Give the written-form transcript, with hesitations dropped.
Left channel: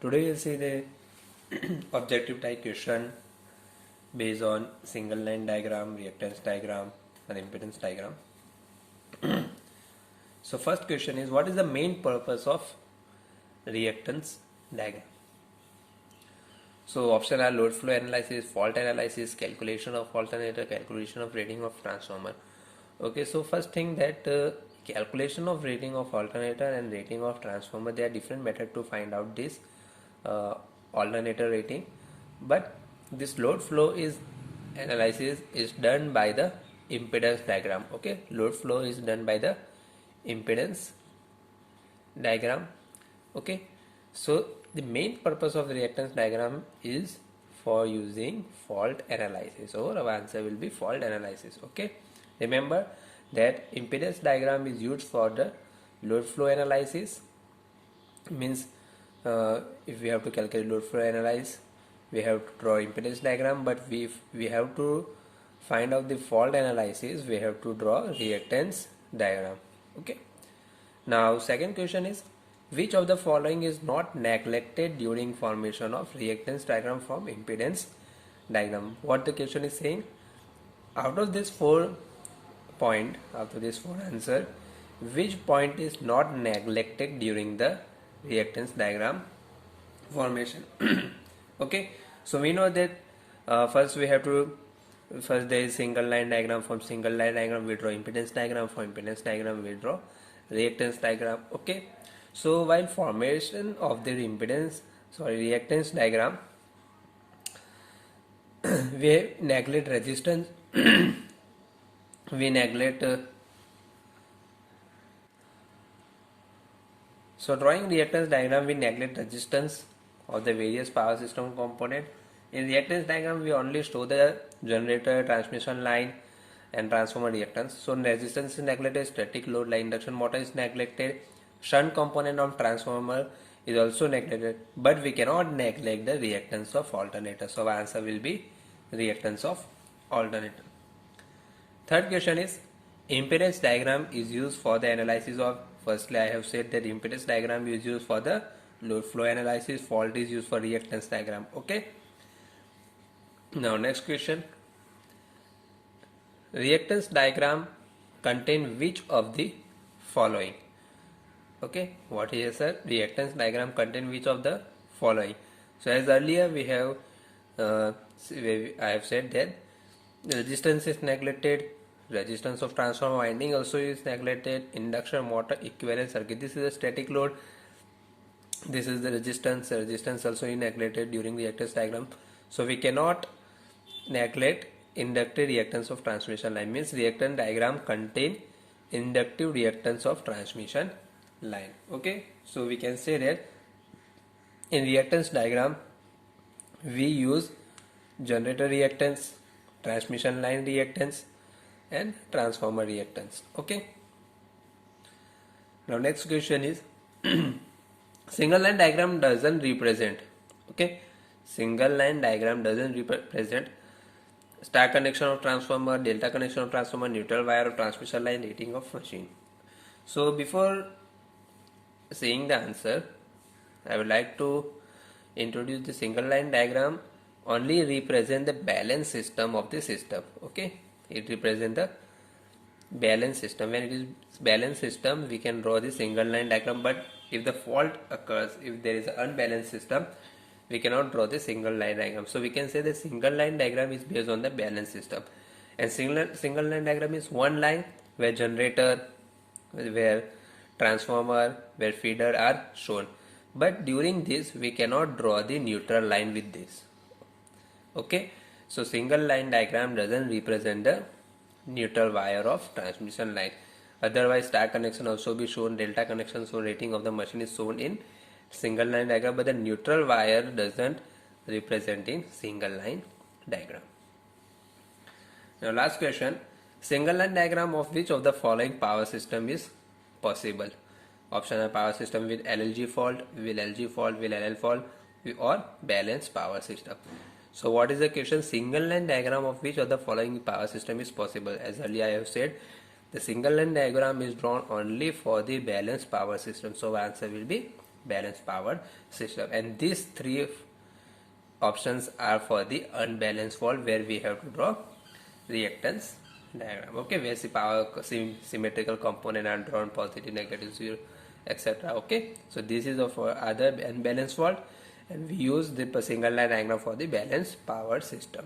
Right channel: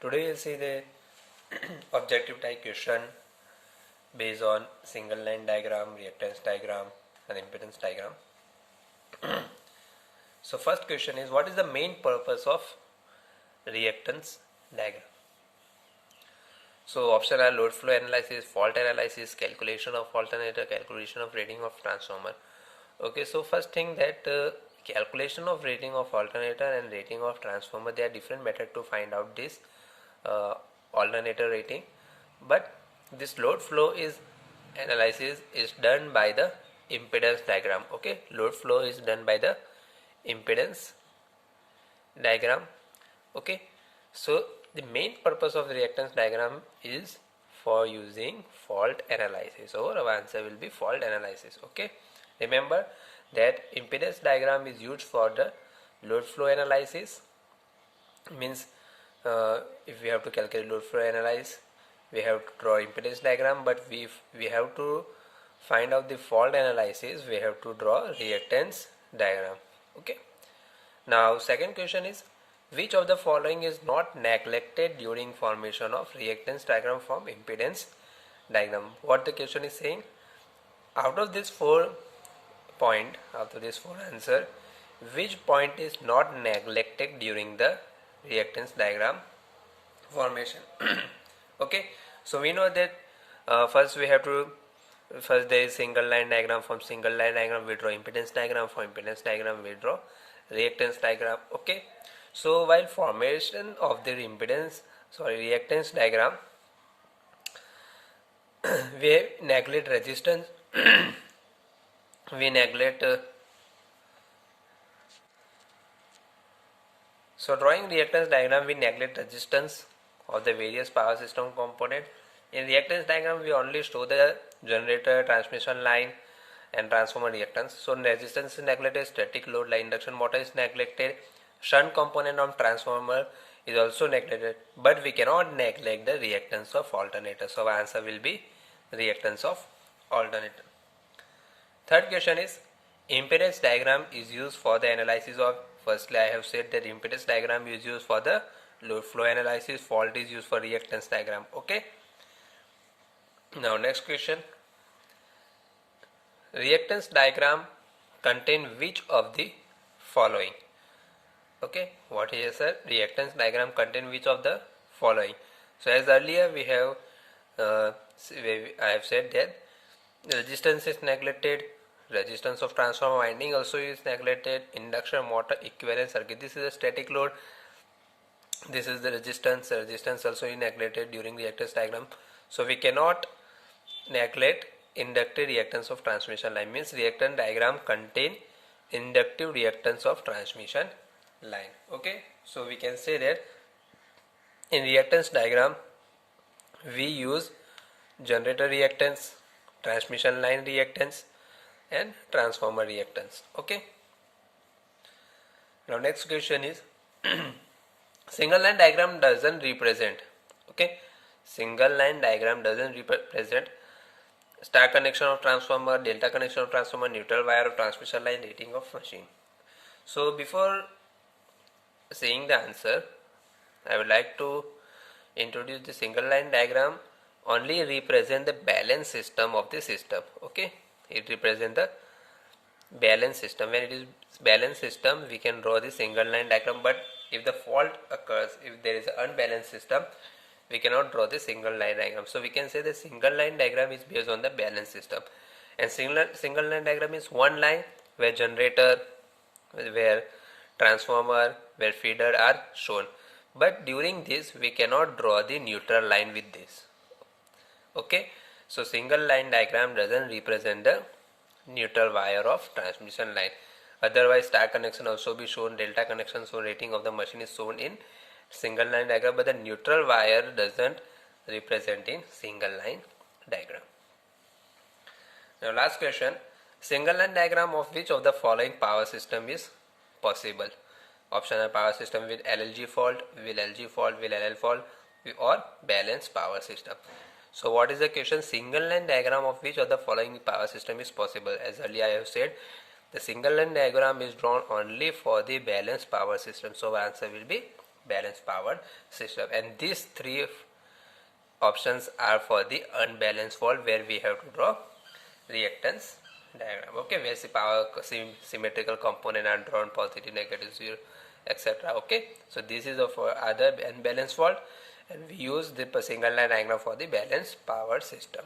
Today we'll see the objective type question based on single line diagram, reactance diagram and impedance diagram. So first question is, what is the main purpose of reactance diagram? So option are load flow analysis, fault analysis, calculation of alternator, calculation of rating of transformer. Okay, so first thing that calculation of rating of alternator and rating of transformer, they are different method to find out this alternator rating, but this load flow is analysis is done by the impedance diagram. Okay, load flow is done by the impedance diagram. Okay, so the main purpose of the reactance diagram is for using fault analysis, or our answer will be fault analysis. Okay, remember that impedance diagram is used for the load flow analysis. Means if we have to calculate load flow analysis, we have to draw impedance diagram, but if we have to find out the fault analysis, we have to draw reactance diagram. Okay, now second question is, which of the following is not neglected during formation of reactance diagram from impedance diagram? What the question is saying, out of this 4 point, after this 4 answer, which point is not neglected during the reactance diagram formation? Okay, so we know that first there is single line diagram. From single line diagram we draw impedance diagram, from impedance diagram we draw reactance diagram. Okay, so while formation of the reactance diagram, we neglect resistance we neglect so drawing reactance diagram, we neglect resistance of the various power system component. In reactance diagram we only show the generator, transmission line and transformer reactance. So resistance is neglected, static load like induction motor is neglected, shunt component of transformer is also neglected, but we cannot neglect the reactance of alternator. So our answer will be reactance of alternator. Third question is, impedance diagram is used for the analysis of, firstly I have said that impedance diagram is used for the load flow analysis, fault is used for reactance diagram. Okay, now next question, reactance diagram contain which of the following? Okay, what is sir? Reactance diagram contain which of the following? So as earlier we have I have said that resistance is neglected, resistance of transformer winding also is neglected, induction motor equivalent circuit, this is a static load, this is the resistance also is neglected during the reactance diagram. So we cannot neglect inductive reactance of transmission line. Means reactance diagram contain inductive reactance of transmission line. Okay, so we can say that in reactance diagram we use generator reactance, transmission line reactance and transformer reactance. Okay, now next question is single line diagram doesn't represent, okay, single line diagram doesn't represent star connection of transformer, delta connection of transformer, neutral wire of transmission line, rating of machine. So before seeing the answer, I would like to introduce the single line diagram only represent the balance system of the system. Okay, it represents the balance system. When it is balance system we can draw the single line diagram, but if the fault occurs, if there is an unbalanced system, we cannot draw the single line diagram. So we can say the single line diagram is based on the balance system, and single line diagram is one line where generator, where transformer, where feeder are shown, but during this we cannot draw the neutral line with this. Okay, so single line diagram doesn't represent the neutral wire of transmission line. Otherwise star connection also be shown, delta connection, so rating of the machine is shown in single line diagram, but the neutral wire doesn't represent in single line diagram. Now last question, single line diagram of which of the following power system is possible? Option are power system with LLG fault, with LG fault, with LL fault, or balanced power system. So what is the question? Single line diagram of which of the following power system is possible? As earlier I have said, the single line diagram is drawn only for the balanced power system. So answer will be balanced power system, and these three options are for the unbalanced fault, where we have to draw reactance diagram. Okay, where the power symmetrical component are drawn positive, negative, 0, etc. Okay, so this is for other unbalanced fault, and we use the single line diagram for the balanced power system.